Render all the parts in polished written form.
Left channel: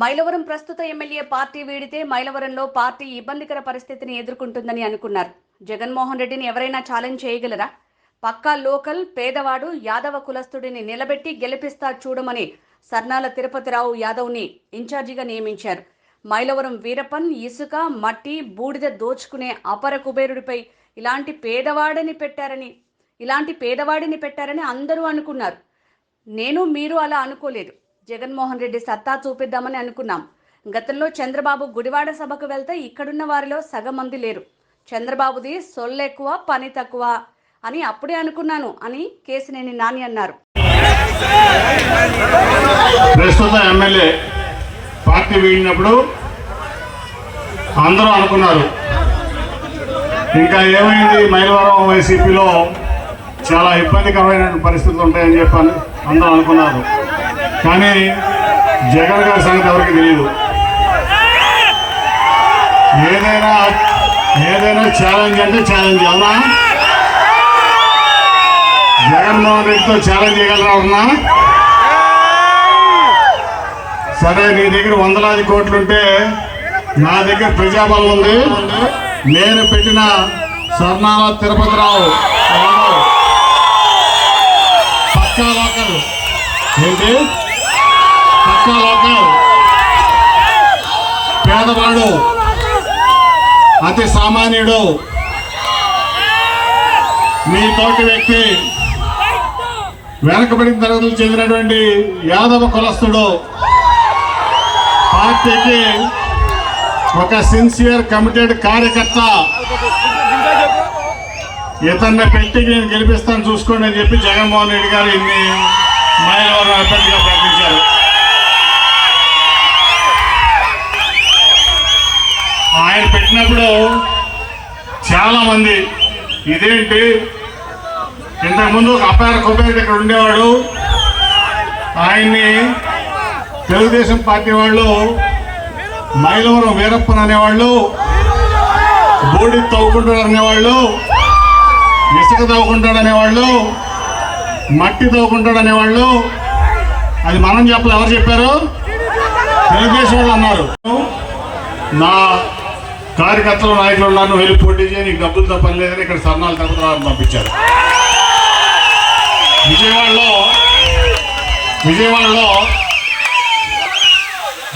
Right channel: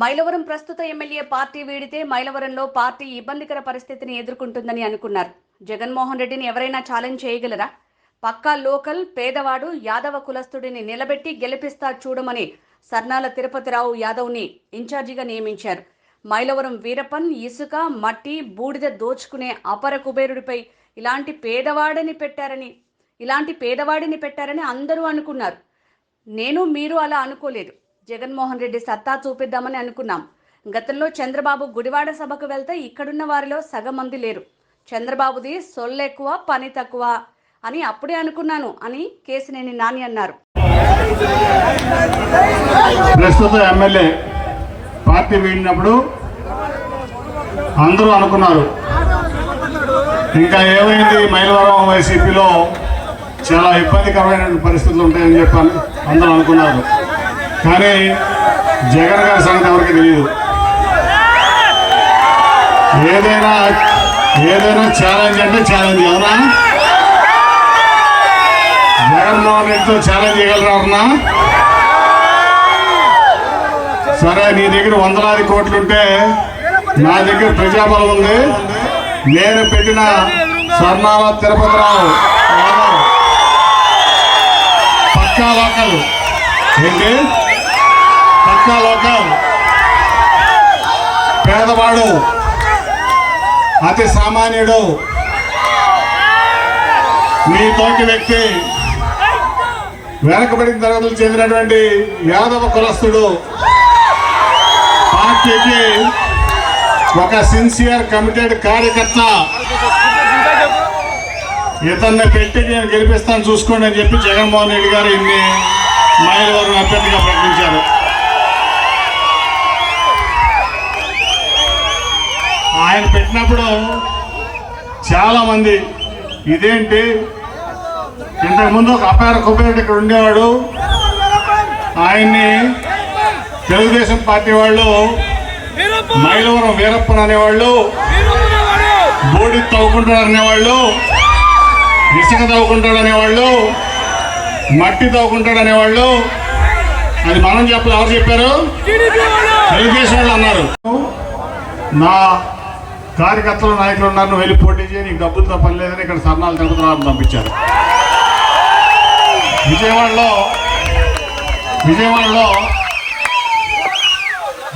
మైలవరం ప్రస్తుత MLA party వీడితే మైలవరంలో party ఇబ్బందికర పరిస్థితిని ఎదుర్కొంటుందని అనుకున్నారు. జగన్మోహన్ రెడ్డిని ఎవరైనా ఛాలెంజ్ చేయగలరా? పక్కా లోకల్ పేదవాడు యాదవ కులస్తుడిని నిలబెట్టి గెలిపిస్తా చూడమని సర్నాల తిరుపతిరావు యాదవ్ని ఇన్ఛార్జిగా నియమించారు. మైలవరం వీరప్పన్ ఇసుక మట్టి బూడిద దోచుకునే అపర కుబేరుడిపై ఇలాంటి పేదవాడిని పెట్టారని అందరూ అనుకున్నారు. నేను మీరు అలా అనుకోలేదు. జగన్మోహన్ రెడ్డి సత్తా చూపిద్దామని అనుకున్నాం. గతంలో చంద్రబాబు గుడివాడ సభకు వెళ్తే ఇక్కడున్న వారిలో సగం మంది లేరు. చంద్రబాబుది సొల్లెక్కువ పని తక్కువ అని అప్పుడే అనుకున్నాను అని కేసినేని నాని అన్నారు. ప్రస్తుత ఎమ్మెల్యే పార్టీ వీడినప్పుడు అందరూ అనుకున్నారు, ఇంకా ఏమైంది మైలవరం వైసీపీలో చాలా ఇబ్బందికరమైన పరిస్థితులు ఉంటాయని చెప్పని అందరూ అనుకున్నారు. కానీ జగన్ గారి సంగతి ఎవరికి తెలియదు. ఏదైనా ఛాలెంజ్ అంటే ఛాలెంజ్. అవునా? జగన్మోహన్ రెడ్డితో ఛాలెంజ్ చేయగలరా? సరే, నీ దగ్గర వందలాది కోట్లుంటే నా దగ్గర ప్రజాబలం ఉంది. నేను పెట్టిన స్వర్ణాల తిరుపతిరావు పక్కా లోకల్ ఏంటి? పక్కా లోకల్ పేదవాడు, అతి సామాన్యుడు, మీ తోటి వ్యక్తి, వెనకబడిన తరగతులు చెందినటువంటి యాదవ కులస్తుడు, పార్టీకి ఒక సిన్సియర్ కమిటెడ్ కార్యకర్త, ఇతన్ని పెట్టి నేను గెలిపిస్తాను చూసుకోండి అని చెప్పి జగన్మోహన్ రెడ్డి గారు ఇన్ని మైలవరం అభ్యర్థిగా ప్రకటించారు. ఆయన పెట్టినప్పుడు చాలా మంది ఇదేంటి, ఇంతకుముందు ఒక అపార కుబేరుడు ఇక్కడ ఉండేవాడు, ఆయన్ని తెలుగుదేశం పార్టీ వాళ్ళు మైలవరం వీరప్పన్ అనేవాళ్ళు, బోడి తవ్వుకుంటాడు అనేవాళ్ళు, ఇసుక తవ్వుకుంటాడు అనేవాళ్ళు, మట్టి తవ్వుకుంటాడు అనేవాళ్ళు. అది మనం చెప్పలేదు, ఎవరు చెప్పారు? తెలుగుదేశం వాళ్ళు అన్నారు. నా కార్యకర్తలు నాయకులు ఉన్నాను, వెళ్ళి పోటీ చేసి నీకు డబ్బులతో పని లేదని ఇక్కడ సర్నాలు తిరుపతిరావు పంపించారు.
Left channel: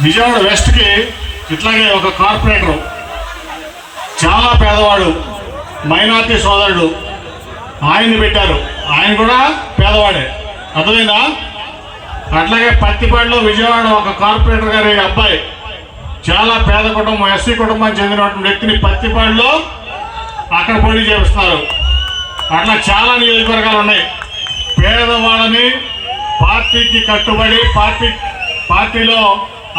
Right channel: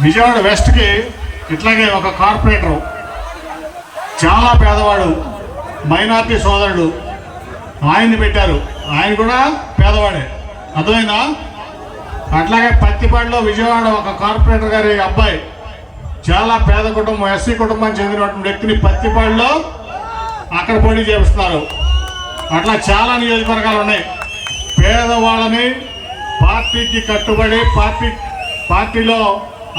విజయవాడ వెస్ట్కి ఇట్లాగే ఒక కార్పొరేటర్, చాలా పేదవాడు, మైనార్టీ సోదరుడు, ఆయన్ని పెట్టారు. ఆయన కూడా పేదవాడే, అర్థమైందా? అట్లాగే పత్తిపాడులో విజయవాడ ఒక కార్పొరేటర్ గారి అబ్బాయి, చాలా పేద కుటుంబం, ఎస్సీ కుటుంబానికి చెందినటువంటి వ్యక్తిని పత్తిపాడులో అక్కడ పోటీ చేపిస్తున్నారు. అట్లా చాలా నియోజకవర్గాలు ఉన్నాయి. పేదవాళ్ళని పార్టీకి కట్టుబడి పార్టీలో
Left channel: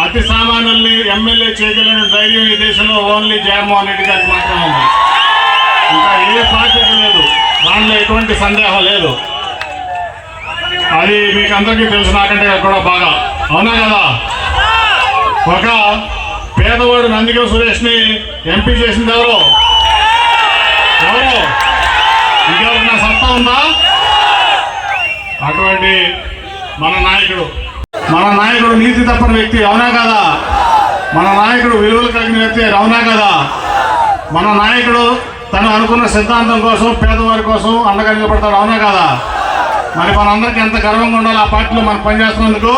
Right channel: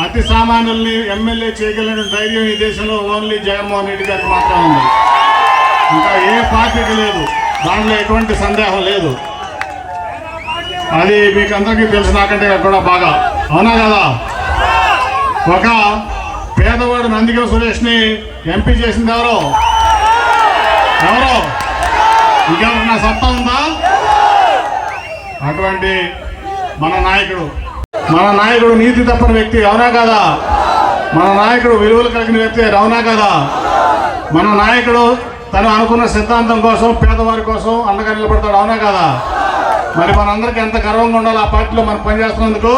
అతి సామాన్యుల్ని ఎమ్మెల్యే చేయగలిగిన ధైర్యం ఈ దేశంలో ఓన్లీ జగన్మోహన్ రెడ్డి గారికి మాత్రం ఉంది. ఇంకా ఏ పార్టీకి లేదు, దాంట్లో ఎటువంటి సందేహం లేదు. అది మీకు అందరికీ తెలుసు, నాకంటే కూడా బాగా. అవునా కదా? ఒక పేదవాడు నందిగం సురేష్ని ఎంపీ చేసింది ఎవరు? ఇంకెవరికి నా సత్తా ఉందా? అటువంటి మన నాయకుడు నీతి తప్పని వ్యక్తి, అవునా కదా? మన నాయకుడు విలువలు కలిగిన వ్యక్తి, అవునా కదా? మన నాయకుడు తను అనుకున్న సిద్ధాంతం కోసం, పేదవారి కోసం అండగా నిలబడతాడు, అవునా కదా? మరి మనందరికీ ఎంత గర్వంగా ఉండాలి ఆ పార్టీలో మనం పనిచేస్తున్నందుకు.